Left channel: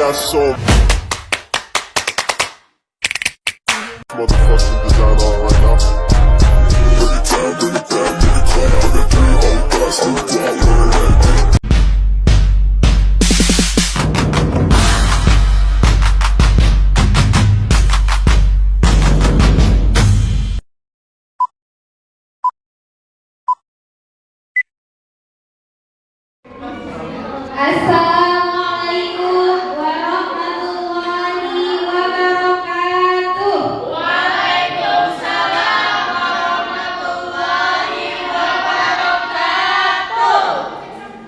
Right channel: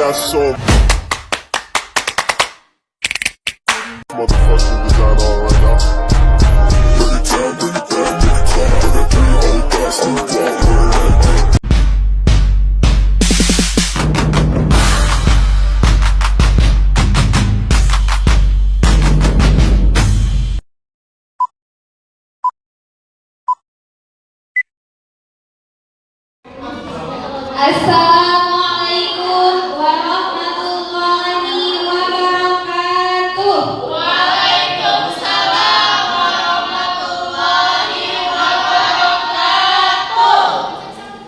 got so motherfucking design on right now. Bring it down, bring it down, bring it down. I got 3 old guys to the wall. Assalamualaikum warahmatullahi wabarakatuh. Waalaikumsalam warahmatullahi wabarakatuh.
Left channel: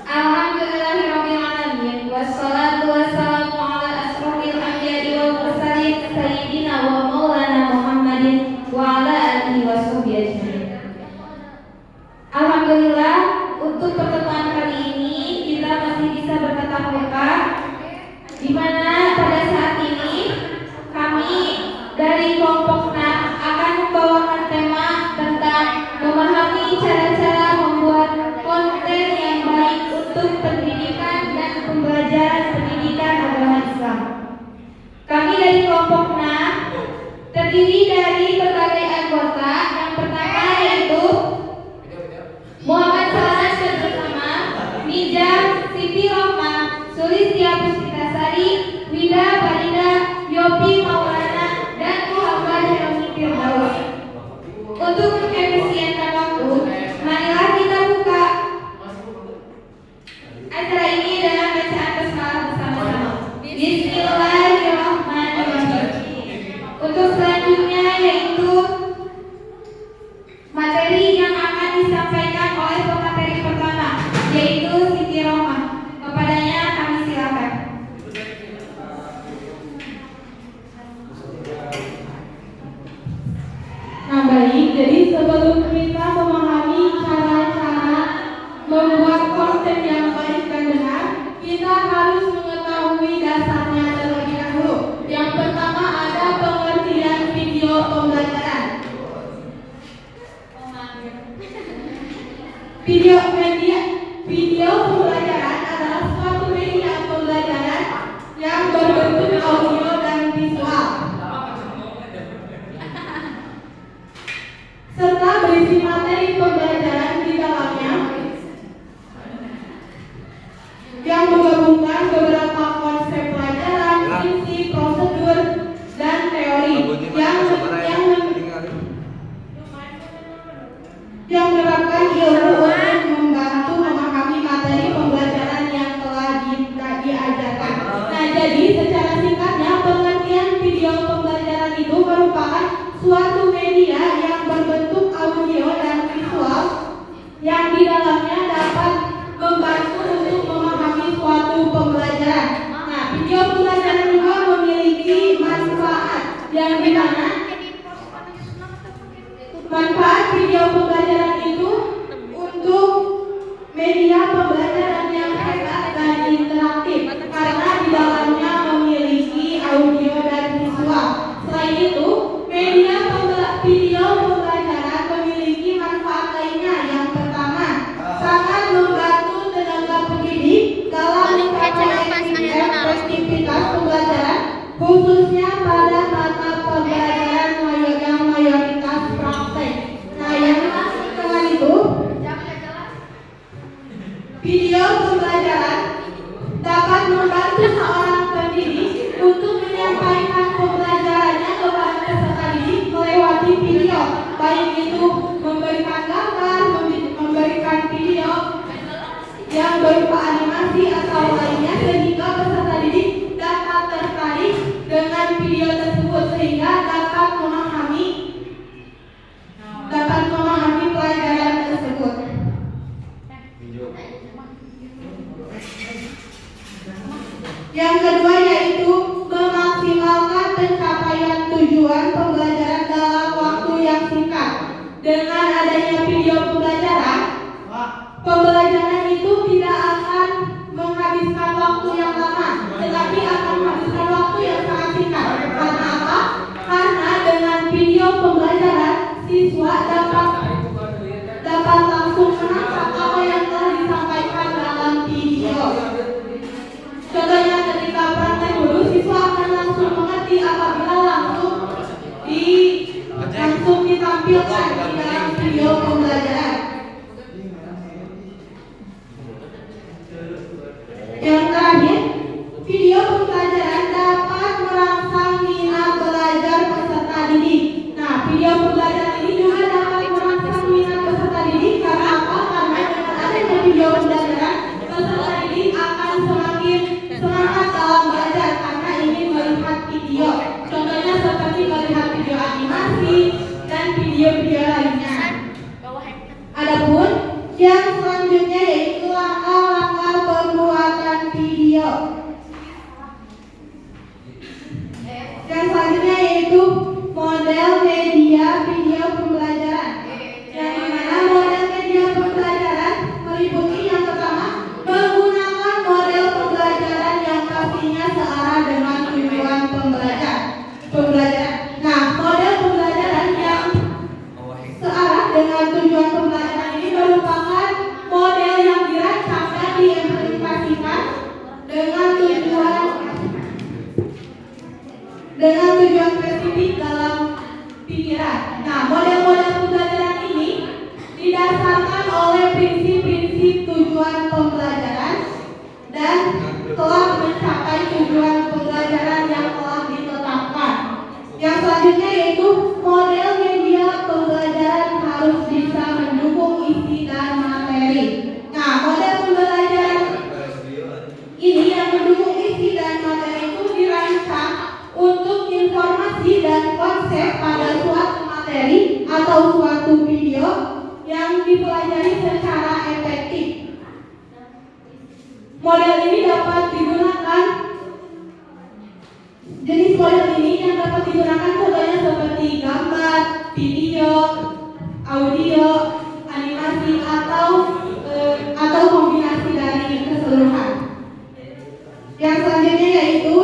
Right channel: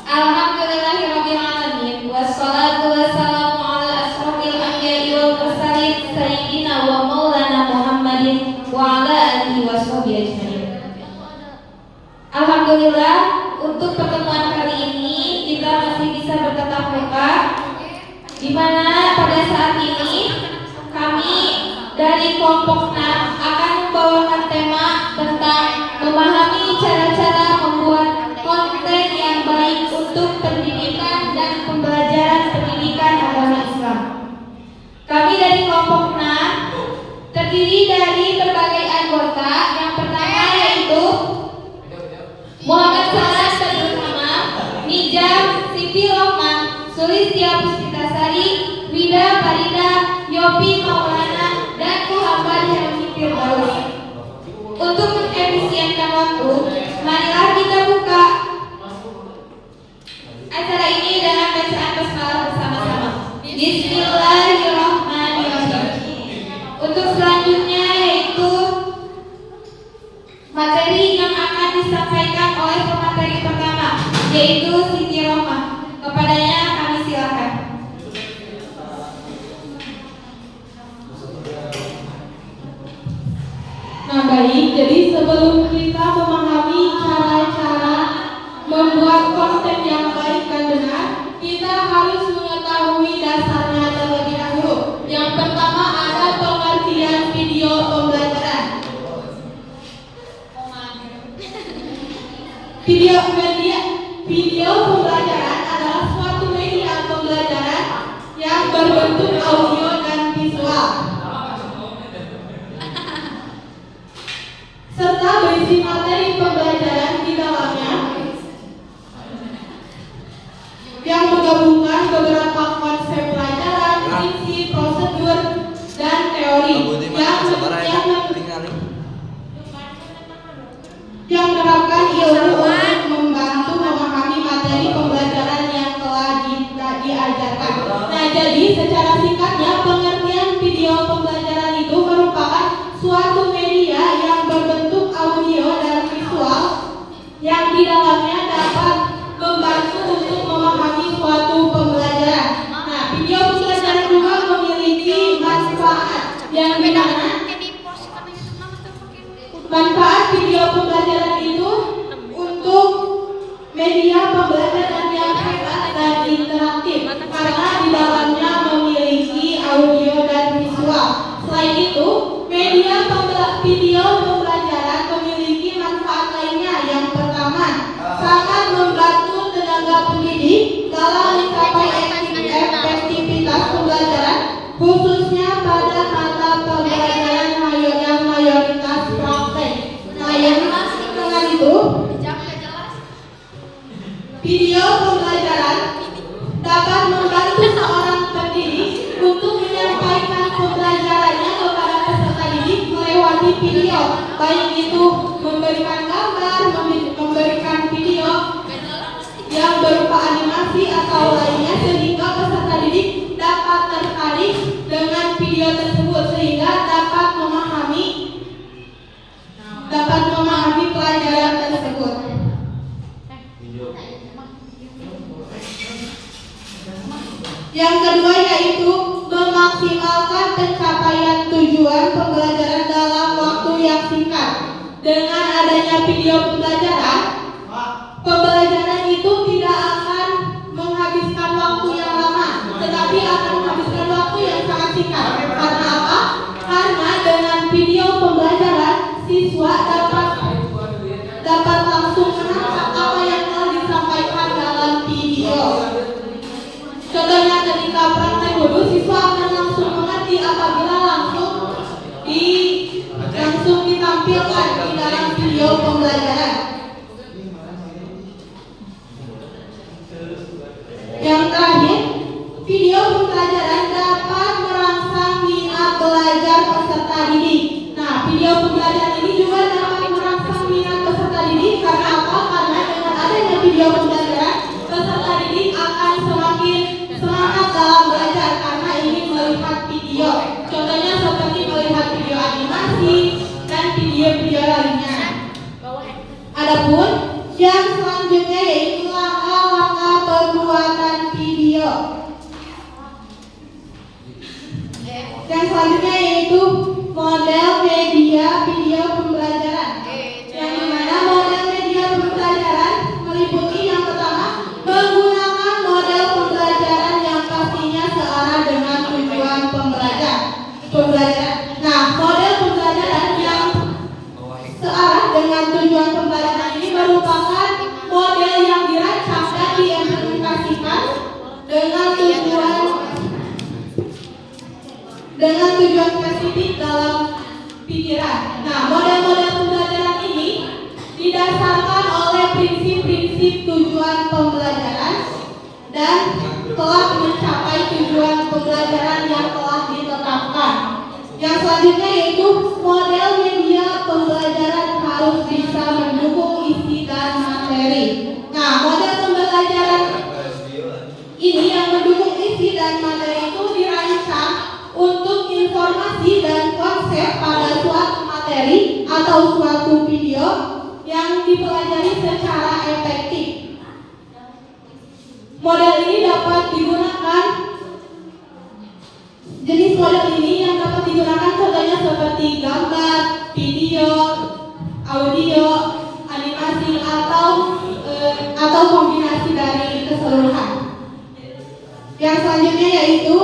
Alhamdulillahirabbil alamin wassalatu wassalamu ala asrofil anbiya'i wal mursalin sayyidina wa maulana Muhammadin wa ala alihi washabihi ajmain. Alhamdulillah, untuk pertemuan kali ini kita masih bisa bertatap muka, di mana pada saat ini kami dari kelompok 6 akan membawakan tema tentang memahami cara-cara membuat konten yang baik untuk pendidikan dan pembelajaran pendidikan agama Islam. Kami dari kelompok 6 terdiri dari berbagai anggota. Yang pertama yaitu Muhammad Salah bersama Nijam, Siti Rohman, Sulistya Puspitasari, Wida Farida, Yopi Maulana, dan Muhammad Helmi Firdaus. Untuk mengefisienkan waktu, marilah kita buka acara ini dengan bacaan basmalah bersama-sama. Bismillahirrahmanirrahim. Untuk selanjutnya yaitu materi yang akan disampaikan oleh pemateri pertama, yaitu Siti Rohman. Kepadanya kami silakan. Nah baik, jadi sebelum kita memahami cara-cara membuat konten yang baik dan benar, kita harus mengetahui dasarnya terlebih dahulu. Yang pertama ada pengertian video pembelajaran. Video pembelajaran adalah suatu media pembelajaran yang berbentuk audio dan visual, serta berisi materi pembelajaran di dalamnya yang menggabungkan beberapa konsep pelajaran, prinsip, prosedur, dan teori yang menerapkan ilmu untuk membantu memahami materi pembelajaran yang telah diajarkan. Nah, jadi secara singkatnya pengertian video pembelajaran itu merupakan suatu media yang berbentuk audio dan visual yang di dalamnya dapat membantu untuk memahami suatu pembelajaran. Nah, video pembelajaran juga memiliki manfaat yang dimana manfaat video pembelajaran itu untuk media pembelajaran yang hebat dan interaktif karena di dalamnya memiliki audio dan visual. Selain itu, video pembelajaran memiliki manfaat lainnya. Yang pertama, sangat membantu tenaga pendidik dalam mencapai efektivitas pembelajaran, khususnya pada mata pembelajaran yang mayoritas praktek. Nah, yang dengan itu, video pembelajaran dapat membantu seorang pendidik untuk menyampaikan pembelajarannya kepada peserta didik melewati video, baik itu memberikan gambar, memberikan video yang berupa animasi atau lainnya, sehingga peserta didik dapat tertarik dengan video tersebut sehingga dapat memahami pelajaran tersebut. Yang kedua yaitu memaksimalkan pencapaian tujuan pembelajaran dalam waktu yang singkat. Dengan adanya video pembelajaran itu tidak akan menghabiskan waktu yang lama, tetapi akan menghabiskan waktu yang sangat singkat. Karena apa? Karena dengan video pembelajaran siswa dapat langsung menangkap apa yang telah disampaikan dalam video. Contohnya ketika praktek ditampilkan di dalam video pembelajaran. Yang terakhir, video pembelajaran dapat merangsang minat belajar peserta didik. Nah, video pembelajaran ini juga dapat merangsang minat peserta didik karena apa? Karena dengan adanya video pembelajaran, peserta didik akan semakin semangat dalam belajar karena ingin melihat video. Contohnya seperti melihat video animasi dan video-video lainnya. Adapun yang selanjutnya yaitu langkah-langkah pembuatan video. Yang selanjutnya yaitu model media video pembelajaran. Yang dimana model media pembelajaran meliputi yang pertama, menggunakan model pembelajaran yang pastinya searah dengan tujuan pembelajaran. Nah, model pembelajaran yang searah dengan tujuan pembelajaran ini merupakan model yang dirancang dan diimplementasikan dengan tujuan spesifik dalam pikiran. Nah, model-model pembelajaran ini didasarkan oleh prinsip-prinsip tujuan pembelajaran dan telah mencapai tujuan pembelajaran yang telah ditetapkan. Yang selanjutnya yaitu model media pembelajaran harus bisa mendukung isi dan materi. Nah, model pembelajaran ini yang mendukung isi dan materi itu dirancang untuk informasi dan konsep pada suatu materi atau suatu video yang dipelajari secara efektif. Model ini dapat digunakan, jenis model ini yang dapat digunakan contohnya seperti gambar, video, audio, animasi atau kombinasi dari keseluruhan. Yang selanjutnya yaitu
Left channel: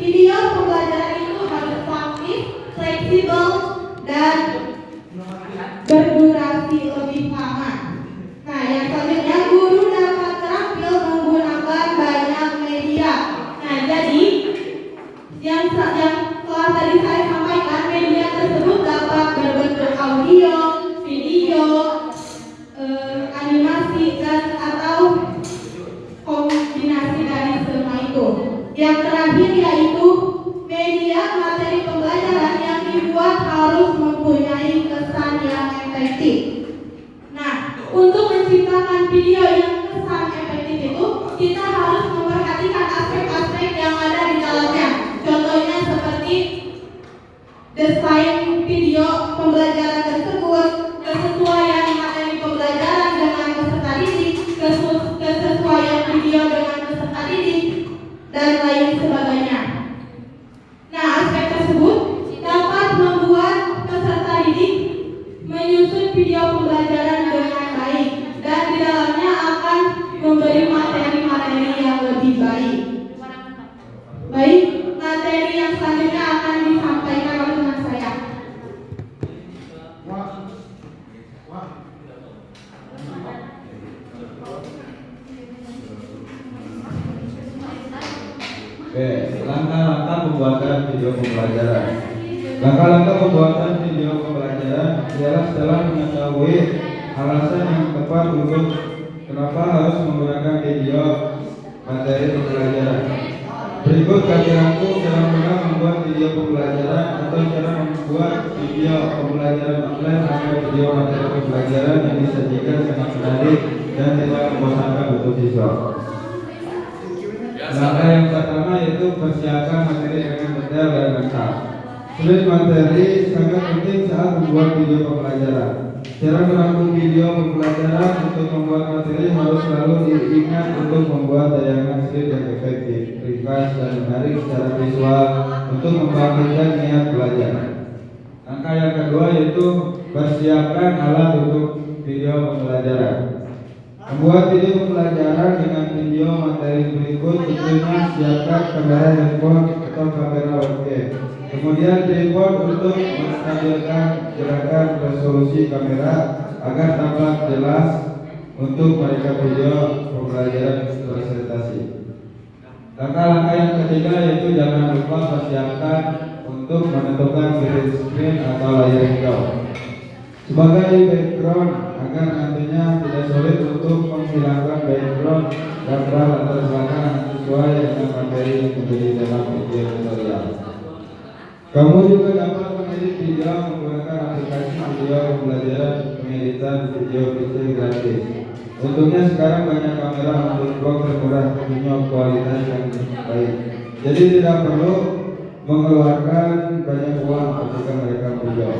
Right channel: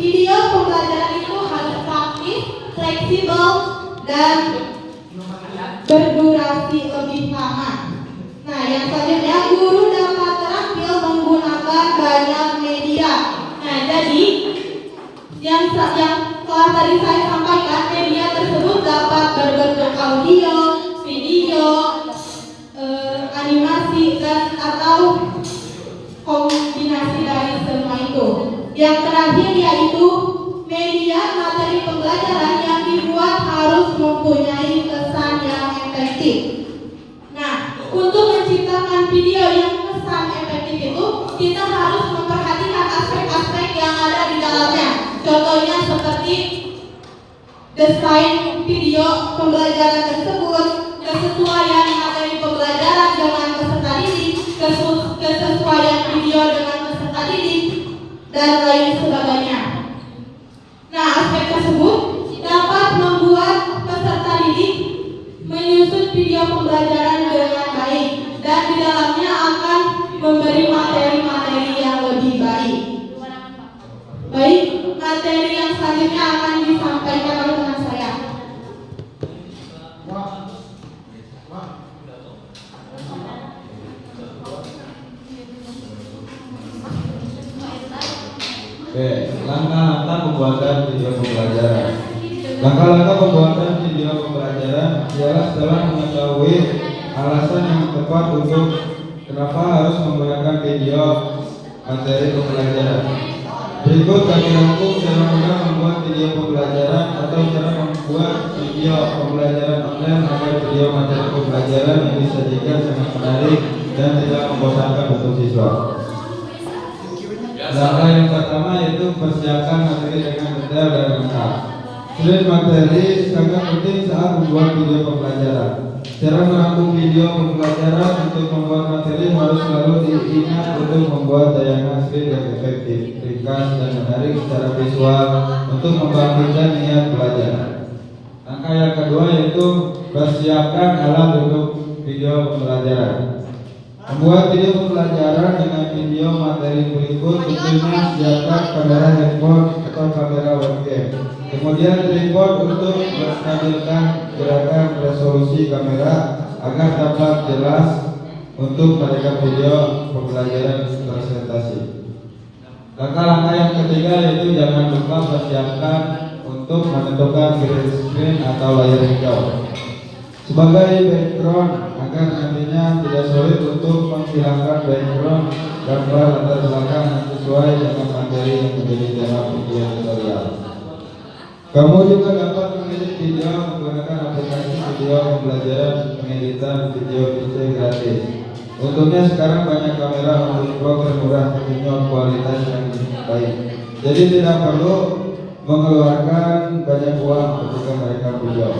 video pembelajaran itu harus praktis, fleksibel, dan berdurasi lebih lama. Nah, yang selanjutnya guru dapat terampil menggunakan banyak media. Nah, jadi yang telah tadi saya sampaikan, media tersebut dapat berbentuk audio, video, animasi, dan atau kombinasi dari semua itu. Yang terakhir yaitu media materi pembelajaran yang dibuat harus mempunyai kesan yang efektif. Nah, untuk menciptakan video yang kesan efektif itu, kita harus memperhatikan aspek-aspek yang ada di dalamnya. Contohnya seperti desain video pembelajaran tersebut, kesesuaian materi pembelajaran dengan peserta didik, kesesuaian video dengan peserta didik, dan lain sebagainya. Nah, aspek tersebut dapat membuat peserta didik menyusun video pembelajaran dengan baik dan di dalamnya akan memberi materi-materi yang lebih baik. Baik, materi yang selanjutnya akan disampaikan oleh teman saya. Oke, langkah-langkah pembuatan video pembelajaran. Langkah-langkah pembuatan video pembelajaran ialah setelah mengetahui alasan yang tepat untuk kenapa harus menggunakan video materi pembelajaran. Berikut kami rangkum cara mudah membuat video pembelajaran atau cara membuat video pembelajaran online agar video materi pembelajaran yang disajikan sangat menarik dan tidak membosankan untuk siswa. Langkah yang pertama yaitu persiapkan materi dengan detail dan lengkap. Selain materi sangat penting saat membuat video pembelajaran. Cara merangkum video pembelajaran untuk membuat materi harus selalu diingat untuk membuat tayangan slide yang efektif, ringkas dan menarik secara visual untuk membangkitkan niat belajar. Langkah yang kedua yaitu persiapkan alat untuk video pembelajaran. Membuat video pembelajaran dengan video materi berikut, tentunya siapkan kamera handphone atau kamera webcam. Kemudian tripod untuk menstabilkan gerakan resolusi kamera agar tampak jelas untuk merekam video pembelajaran presentasi. Langkah-langkah yang ketiga yaitu jangan lupa persiapkan untuk menentukan green screen atau layar hijau sebagai background agar nantinya tidak sulit untuk menghilangkan background gambar latar belakang yang sesuai dengan materi yang menjadi dalam video tutorial. Kamu juga dapat mengedit video menggunakan aplikasi video pembelajaran pengeditan video PC gratis. Untungnya sekarang banyak kamera untuk vlog termurah punya kualitas yang baik. Jadi tidak perlu mengeluarkan banyak uang ketika mereka video.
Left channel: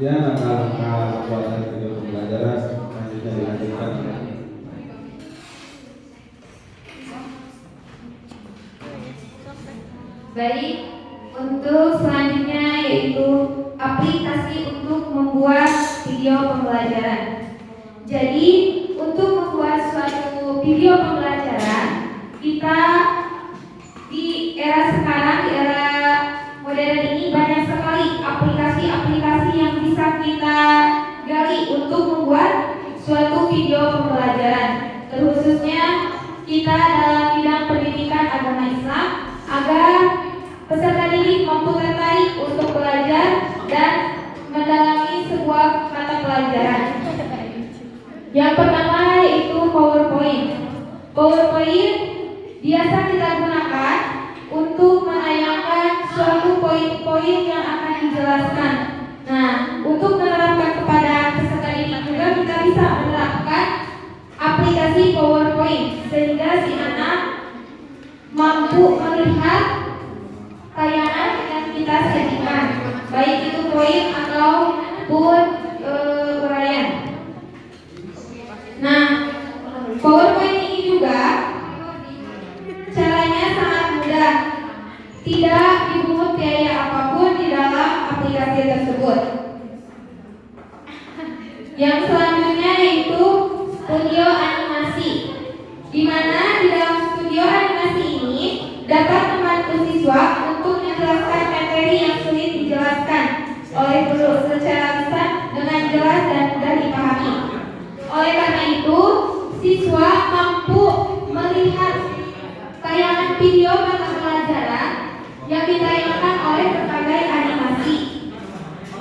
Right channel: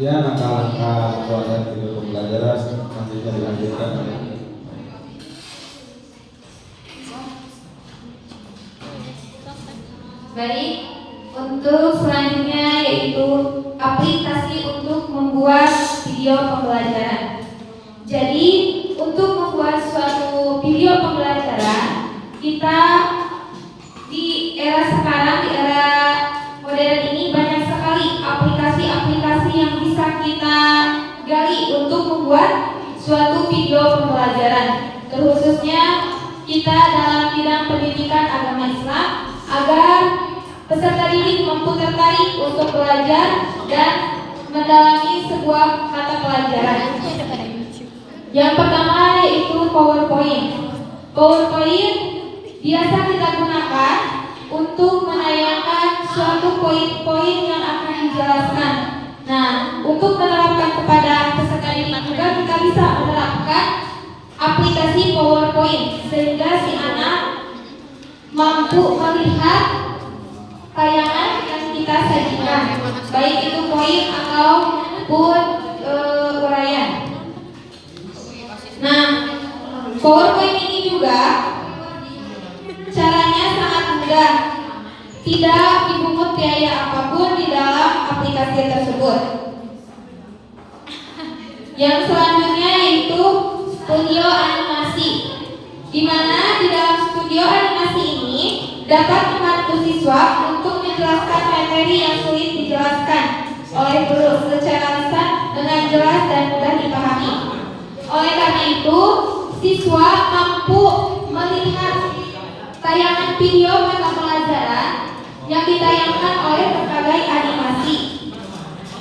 Ya, langkah-langkah kualitas video pembelajaran selanjutnya dilanjutkan. Baik, untuk selanjutnya yaitu aplikasi untuk membuat video pembelajaran. Jadi, untuk membuat suatu video pembelajaran, kita di era sekarang, di era modern ini banyak sekali aplikasi-aplikasi yang bisa kita gali untuk membuat suatu video pembelajaran. Terkhususnya kita dalam bidang pendidikan agama Islam agar peserta didik mampu tertarik untuk belajar dan mendalami sebuah mata pelajaran. Yang pertama yaitu PowerPoint. PowerPoint biasa kita gunakan untuk menayangkan suatu poin-poin yang akan dijelaskan. Nah, untuk menerapkan kepada peserta didik juga kita bisa menerapkan aplikasi PowerPoint sehingga si anak mampu melihat tayangan yang kita sajikan, baik itu poin ataupun uraian. Nah, PowerPoint ini juga caranya sangat mudah, tidak dipungut biaya apapun di dalam aplikasi tersebut. Yang selanjutnya yaitu studio animasi, di mana di dalam studio animasi ini dapat membantu siswa untuk menjelaskan materi yang sulit dijelaskan oleh guru secara lisan dengan jelas dan mudah dipahami. Oleh karena itu, siswa mampu melihat tayangan video mata pelajaran yang ditayangkan oleh berbagai animasi.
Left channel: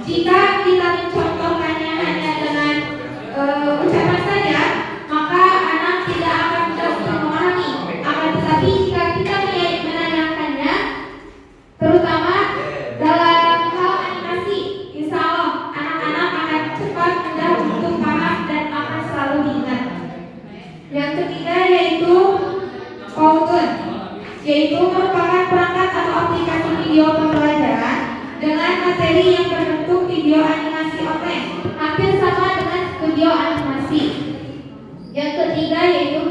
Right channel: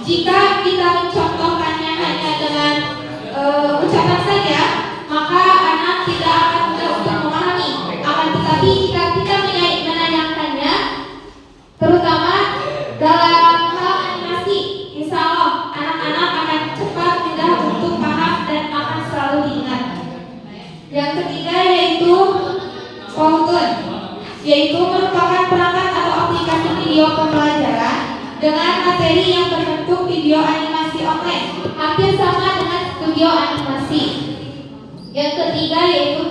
Jika kita mencontohkannya hanya dengan ucapan saja, maka anak tidak akan mudah untuk memahami. Akan tetapi jika kita menanyakannya, terutama dalam hal animasi, insya Allah anak-anak akan cepat mudah untuk paham dan akan selalu diingat. Yang ketiga yaitu Powtoon, yaitu merupakan perangkat atau aplikasi video pembelajaran dengan materi yang berbentuk video animasi online, hampir sama dengan studio animasi. Yang ketiga yaitu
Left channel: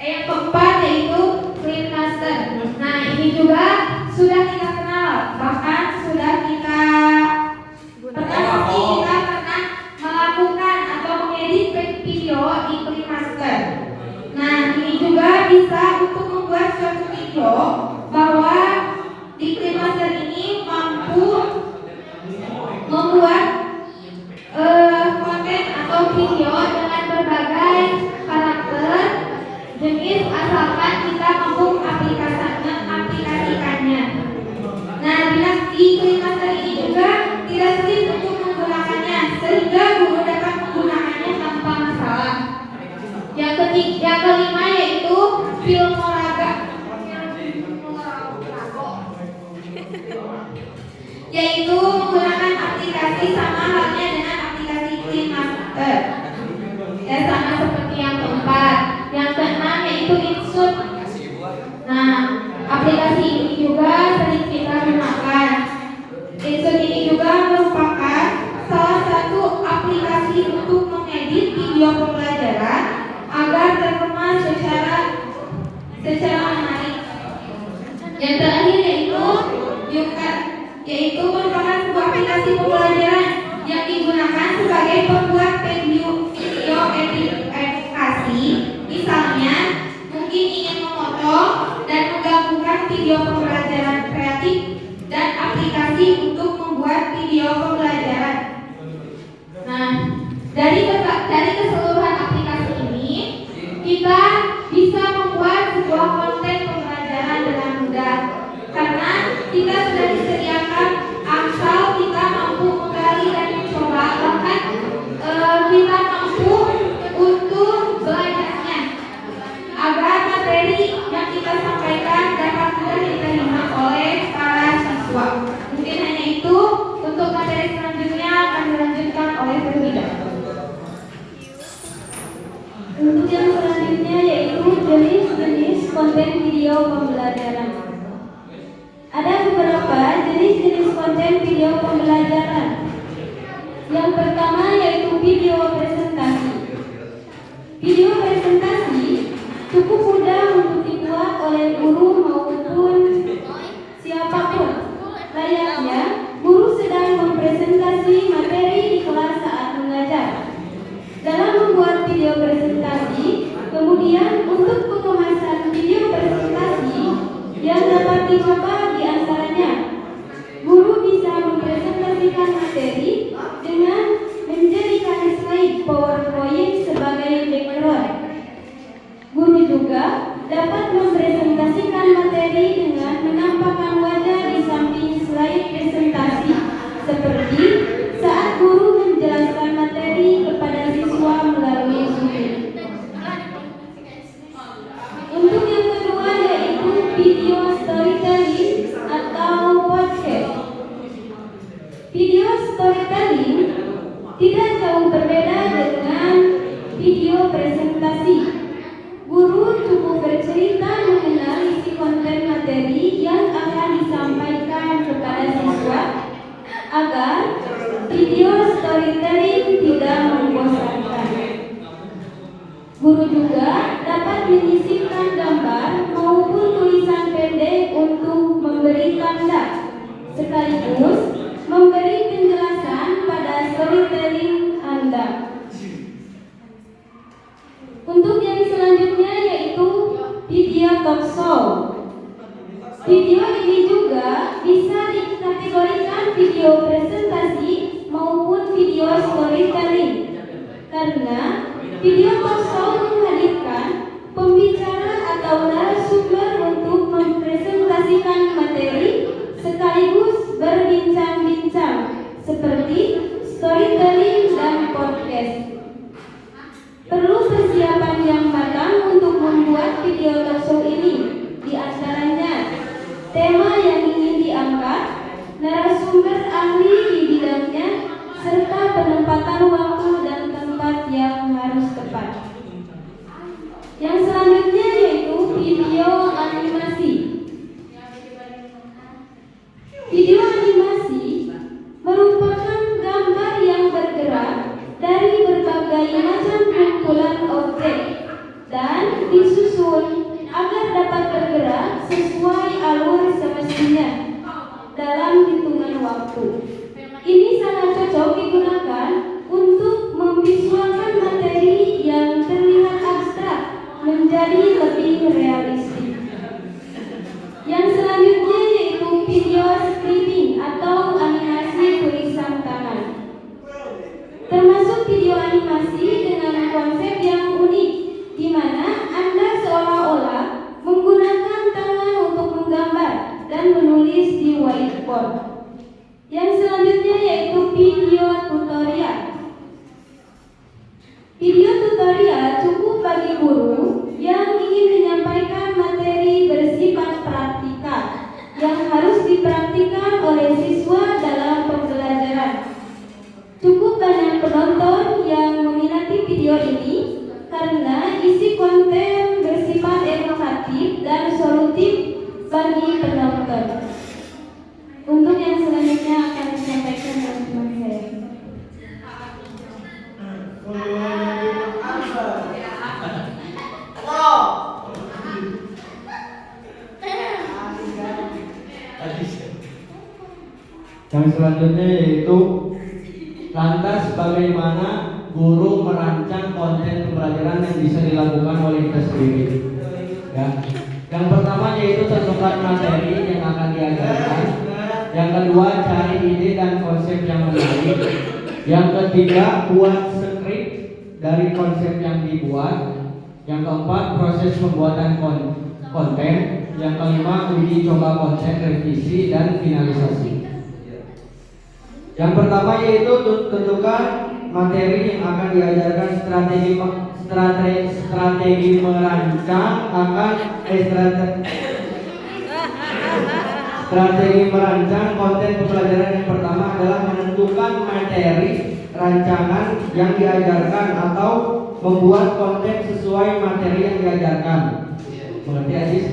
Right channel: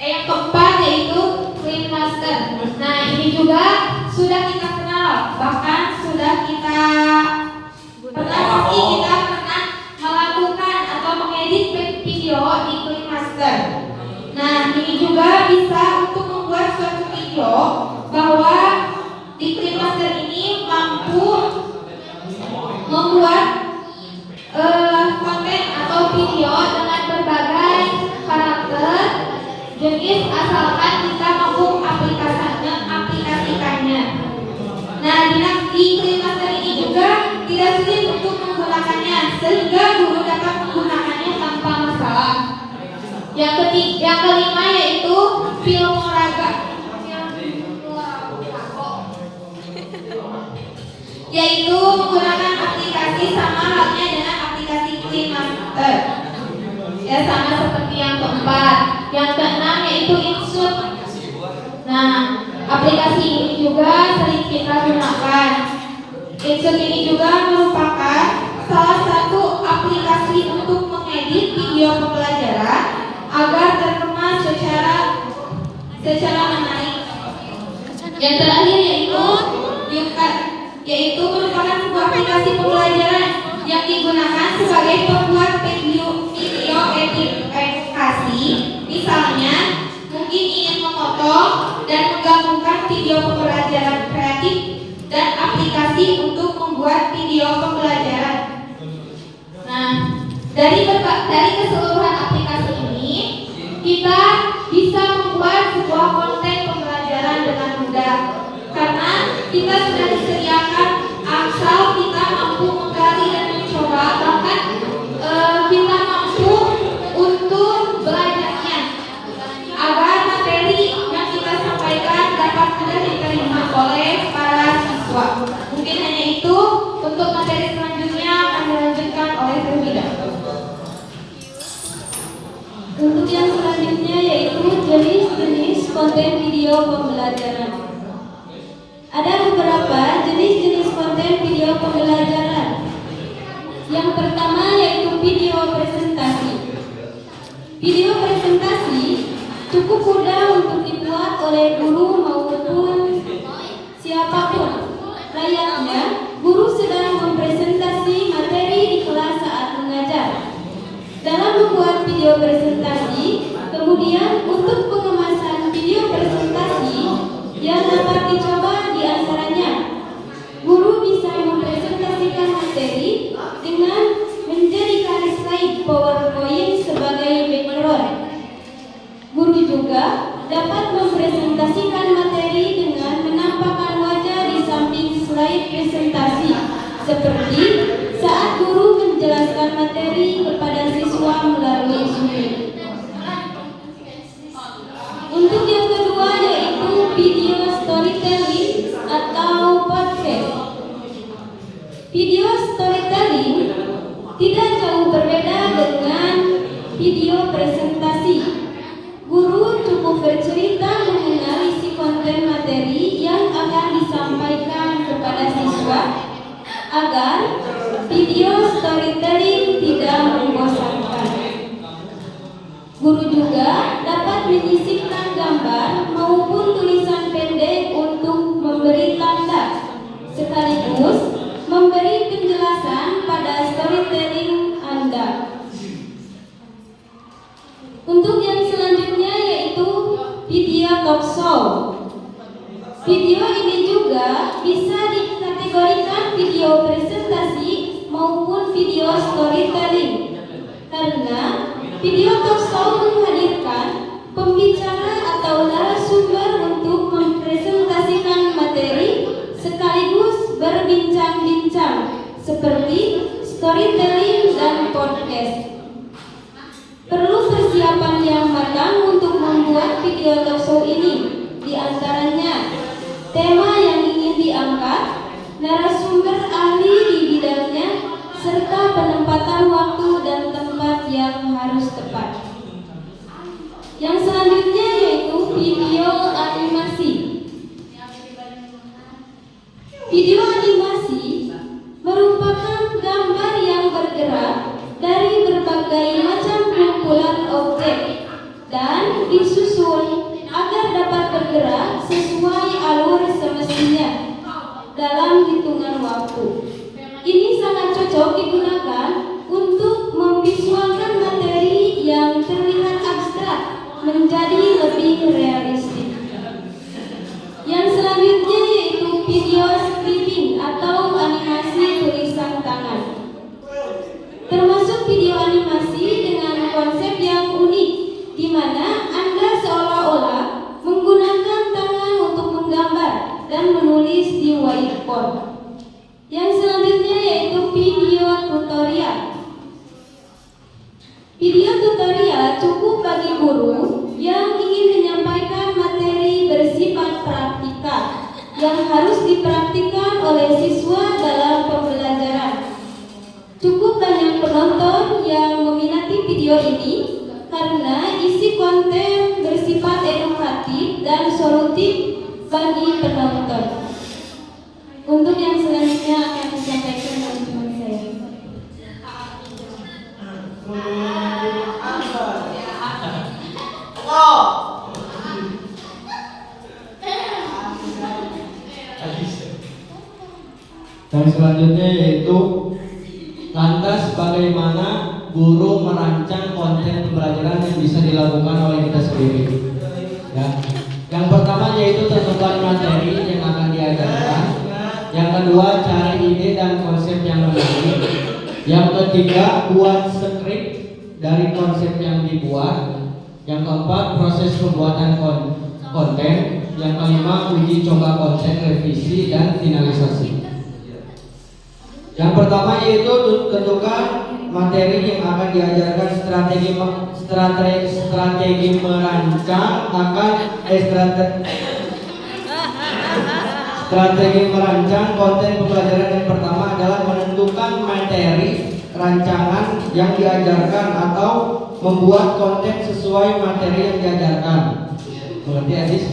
yang keempat yaitu KineMaster. Nah, ini juga sudah kita kenal, bahkan sudah kita pernah melakukan atau mengedit video di KineMaster. Nah, ini juga bisa untuk membuat suatu video bahwa di KineMaster ini mampu membuat konten atau video dengan berbagai karakter jenis asalkan kita mampu aplikasikannya. Nah, di KineMaster ini juga tidak sulit untuk menggunakannya sehingga guru dapat menggunakannya tanpa masalah. Yang kelima yaitu Filmora, yaitu menggunakan aplikasi sama halnya dengan aplikasi KineMaster. Ya, sama seperti yang keempat. Yang keenam yaitu Inshoot. Nah, aplikasi ini juga sering kita gunakan. Inshoot ini juga merupakan salah satu aplikasi untuk mengedit video pembelajaran agar terkemas secara menarik. Yang terakhir yaitu YouCut, yaitu merupakan sebuah aplikasi pembelajaran yang digunakan sebagai pembuat video edukasi. Misalnya, mungkin ingin memotong dan menggabungkan video pembelajaran kreatif dan aplikasi untuk membuat video pembelajaran. Nah, dari keseluruhan aplikasi ini, kita bisa membuat sebuah konten pembelajaran dengan mudah. Karena kita sudah disediakan asal kita mampu menggali dan mencoba, bahkan kita mampu untuk belajarnya agar materi yang kita sampaikan dapat mudah diterima oleh para siswa. Mungkin hanya itu. Untuk materi selanjutnya akan dilanjutkan oleh Firmida. Untuk yang selanjutnya yaitu jenis-jenis konten video pembelajaran. Ada beberapa jenis-jenis konten video pembelajaran. Yang pertama yaitu video presentasi. Video presentasi cukup mudah untuk dibuat oleh guru maupun siapapun. Layaknya guru sedang mempresentasi materi di kelas saat mengajar. Dalam membuat video presentasi, kemudian untuk pengemasan video presentasi yang dapat dicoba di antaranya, guru bisa mempresentasikan materi dengan menjadikan slide PowerPoint sebagai background. Guru juga dapat mempresentasikan materi dengan menampakkan wajah di samping slide presentasi, seperti saat guru menjelaskan materi kepada siswa melalui Zoom. Untuk yang kedua yaitu video storytelling atau podcast. Video storytelling tidak jauh berbeda dengan video presentasi. Guru cukup bercerita mengenal isi konten materi yang akan disampaikan kepada siswa agar video storytelling tidak membosankan. Guru juga dapat menyisipkan gambar maupun tulisan pendek untuk memberi tanda, sekaligus memberi penjelasan pada storytelling Anda. Untuk yang selanjutnya yaitu video talk show. Video ini juga bisa dikategorikan video presentasi maupun video storytelling, karena video talk show menghadirkan pembicara atau narasumber untuk mempresentasikan materi sekaligus berbincang-bincang seperti storytelling dan podcast. Perlu persiapan yang matang untuk membuat video talk show ini. Di antaranya, tema yang ingin diangkat, narasumber ahli di bidangnya, serta penempatan waktu dan tempat yang harus tepat. Yang selanjutnya yaitu video animasi. Video animasi merupakan gambar yang bergerak dari berbagai macam kumpulan objek dan disusun agar dapat bergerak sesuai alur semestinya dalam hitungan waktu. Ini sangat cocok digunakan untuk memvisualkan materi yang terlihat abstrak menjadi lebih realistik. Yang selanjutnya yaitu video stripping atau animasi tulisan tangan. Termasuk video animasi dengan konsep yang unik, di mana Anda seolah-olah menggunakan tangan untuk menggambar dan menulis di whiteboard. Yang selanjutnya yaitu video tutorial. Video tutorial cukup bagi guru yang ingin menyampaikan materi bersifat praktikal yang harus dipraktikkan oleh siswa dalam pembelajaran. Cukup banyak penonton yang meminati video ini karena isi konten bersifat edukatif dan solutif bagi penonton. Untuk yang selanjutnya akan disampaikan oleh teman saya. Yang selanjutnya yaitu lantas bagaimana guru merancang konten pembelajaran yang bisa dilakukan oleh kita sendiri. Ya. Yang pertama yaitu tentukan materi yang akan diajarkan. Yang kedua cari ide dan konsep yang menarik. Yang ketiga buat skrip dari konsep yang dibuat. Yang keempat proses pembuatan konten. Yang kelima, uji coba konten, revisi, dan finalisasi. Yang pertama yaitu tentukan materi yang akan diajarkan, strategi merancang strategi merancang konten pembelajaran. Yang pertama adalah menentukan materi rancangan yang diajarkan atau membuat konten sesuai materi yang diajarkan. Mengerti Adis?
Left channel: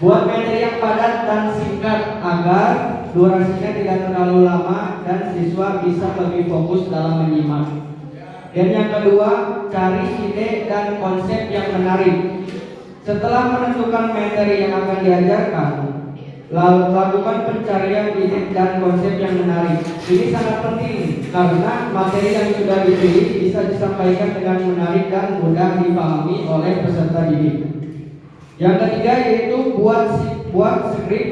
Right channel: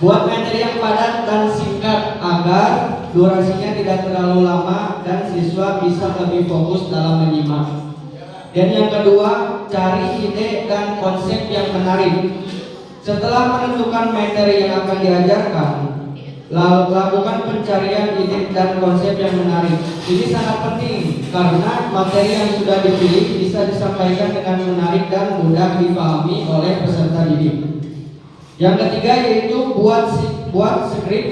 Buat materi yang padat dan singkat agar durasinya tidak terlalu lama dan siswa bisa lebih fokus dalam menyimak. Dan yang kedua, cari ide dan konsep yang menarik. Setelah menentukan materi yang akan diajarkan, lakukan pencarian ide dan konsep yang menarik. Ini sangat penting karena materi yang sudah dipilih bisa disampaikan dengan menarik dan mudah dipahami oleh peserta didik. Yang ketiga yaitu buat skrip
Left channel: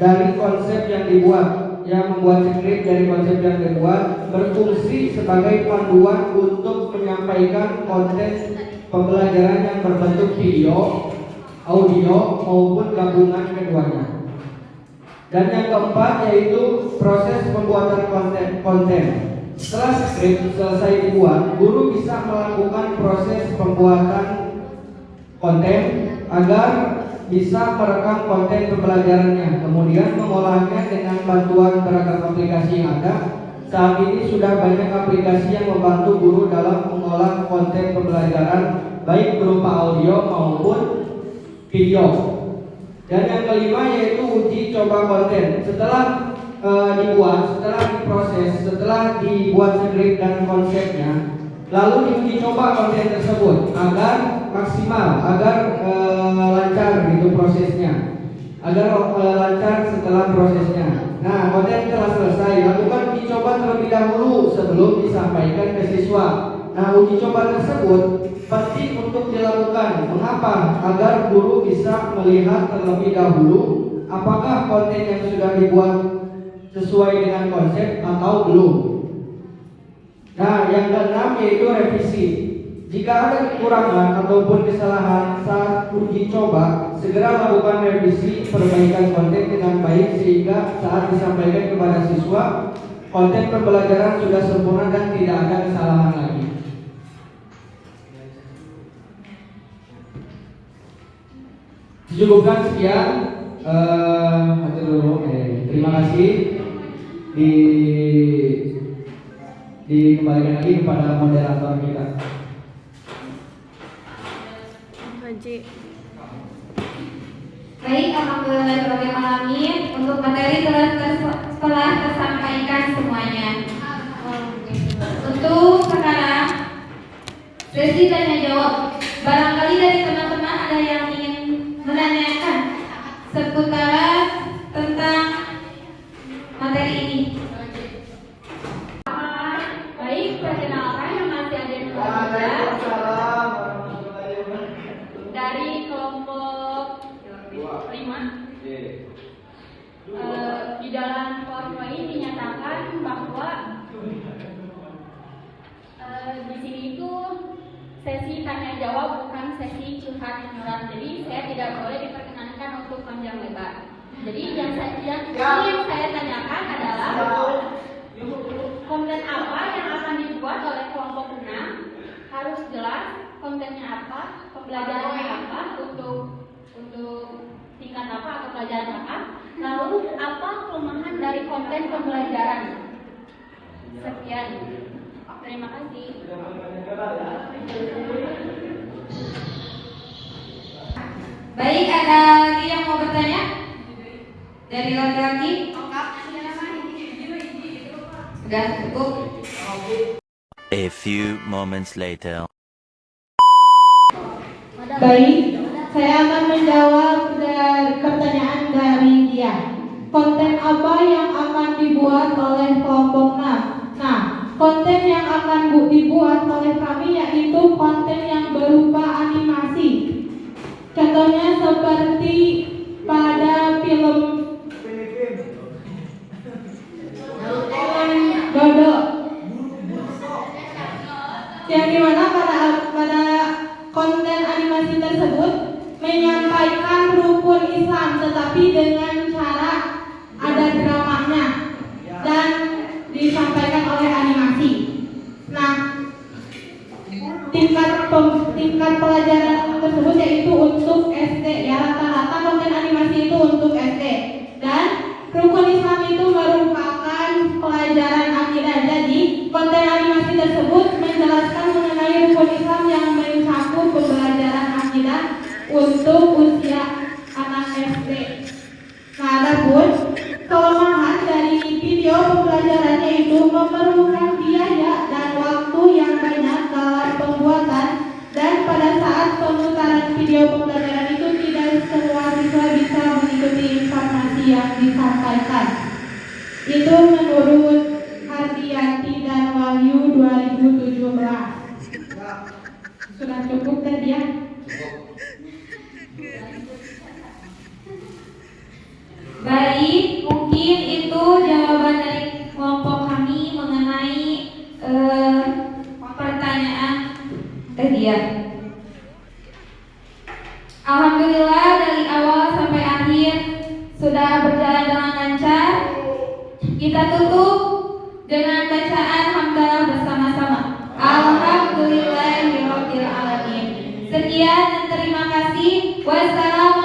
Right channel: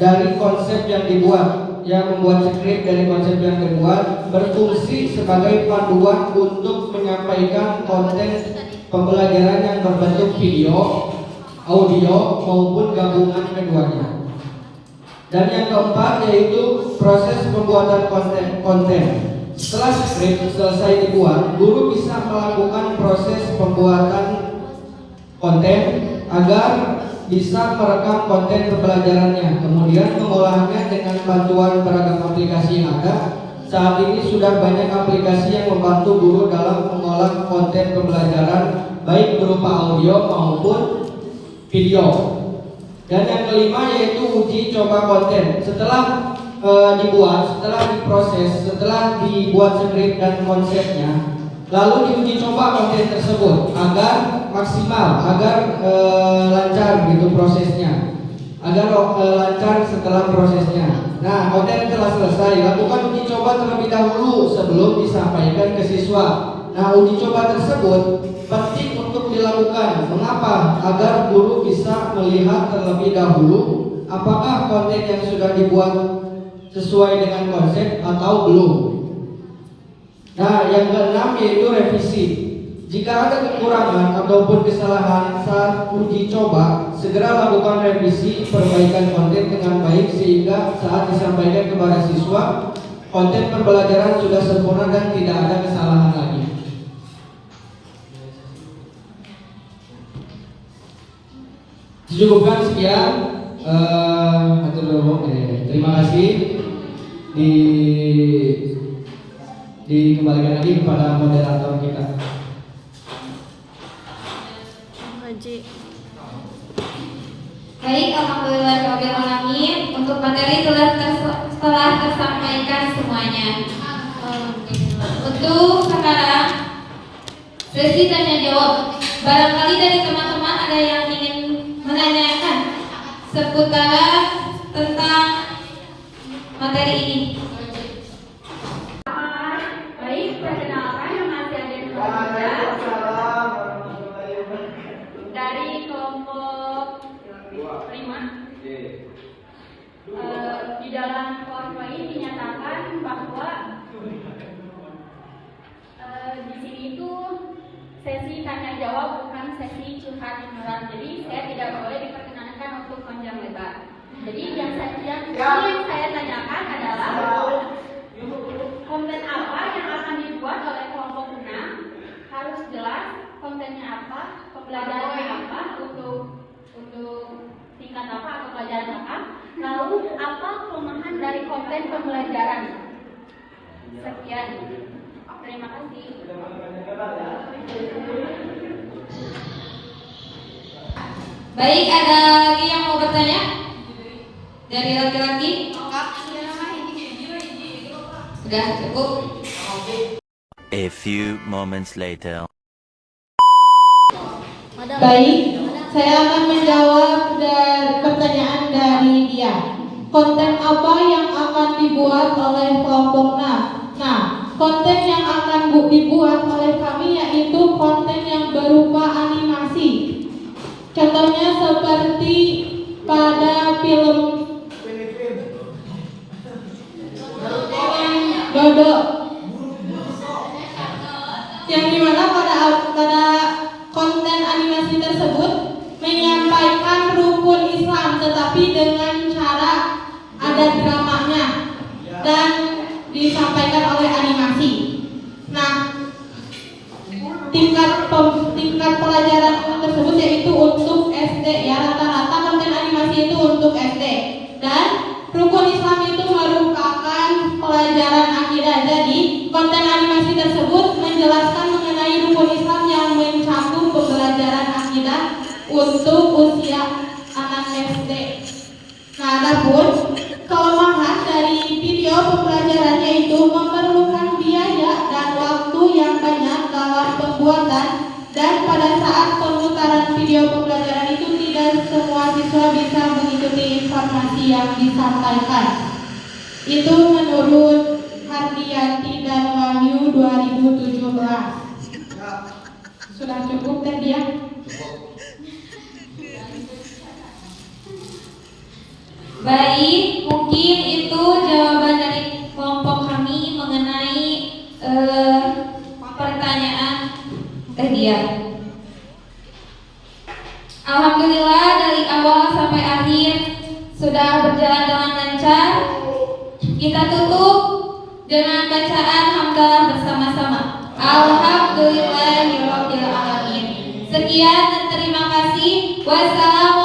dari konsep yang dibuat. Yang membuat skrip dari konsep yang dibuat berfungsi sebagai panduan untuk menyampaikan konten pembelajaran yang berbentuk video, audio maupun gabungan keduanya. Dan yang keempat yaitu proses pembuatan konten. Setelah skrip selesai dibuat, guru bisa melakukan proses pembuatan konten agar bisa merekam konten pembelajarannya, kemudian mengolahnya dengan bantuan beragam aplikasi yang ada. Saat ini sudah banyak aplikasi yang membantu guru dalam mengolah konten pembelajaran baik berupa audio maupun video. Dan yang kelima yaitu uji coba konten. Setelah diproses, setelah dibuat skrip dan konsepnya, lalu diuji coba konten tersebut agar maksimal, agar lancar gitu prosesnya, agar lancar setelah prosesnya. Nah, konten telah selesai, lakukan uji coba terlebih dahulu sebelum disampaikan ke siswa. Nah, uji coba tersebut penting untuk dilakukan. Mengapa? Agar guru bisa melihat terlebih dahulu apakah konten yang sudah dibuat sesuai dengan konsep atau belum. Nah, yang keenam yaitu revisi. Jika ada kekurangan ataupun kesalahan saat uji coba, segera lakukan revisi perbaikan konten dengan baik sehingga saat disampaikan kepada siswa, konten pembelajaran sudah sempurna dan tidak ada kesalahan lagi. Cukupkan sekian. Terima kasih. Dikembalikan lagi kepada moderator kita. Baik, alhamdulillah alamin. Untuk materi telah tersampaikan semuanya. Untuk sekarang sesi tanya jawab. Barangkali dari teman-teman ada yang ingin menanyakan seputar tentang materi ini. Baik, perkenalkan nama saya dari kelompok 5. Di dalam kelompok ini dinyatakan bahwa di sini tuh sesi tanya jawab bukan sesi curhat general. Jadi saya tidak boleh diperkenankan untuk panjang lebar. Jadi biasanya yang saya tanyakan adalah konten apa yang akan dibuat oleh kelompok 6, harus jelas kontennya apa, pembelajarannya apa, untuk tingkat apa atau pelajaran apa, lalu apa kelemahan dari konten pembelajaran. Sekian. Terima kasih. Baik, ada lagi yang mau bertanya? Dari laki-laki? Sudah cukup. A few moments later. Baik, saya akan menjawab pertanyaan dari dia. Konten apa yang akan dibuat oleh kelompok 6? Nah, konten yang akan dibuat oleh kami yaitu konten yang berupa animasi. Contohnya seperti pada film Dodo, yang dimana pada konten animasi tersebut menyampaikan rukun Islam tetapi dengan cara ada dramanya dan disampaikan oleh animasi. Nah, tingkat pelajaran tersebut yaitu untuk SD ya, rata-rata konten animasi itu untuk SD, dan rukun Islam itu merupakan pelajaran akidah. Jadi konten animasi tersebut menjelaskan mengenai rukun Islam yang mencakup pembelajaran akidah untuk usia anak SD. Nah, adapun kelemahan dari video pembelajaran yaitu memerlukan biaya dan waktu yang banyak dalam pembuatan, dan pada saat pemutaran video pembelajaran itu tidak semua siswa bisa mengikuti informasi yang disampaikan. Itu menurut Hardianti dan Wahyu 2017. Sudah cukup tadi ya? Baik, mungkin itu jawaban dari kelompok kami mengenai pertanyaan tadi ya. Alhamdulillah dari awal sampai akhir sudah berjalan dengan lancar. Kita tutup dengan bacaan hamdalah bersama-sama. Alhamdulillahirabbil alamin. Sekian dan terima kasih. Wassalamualaikum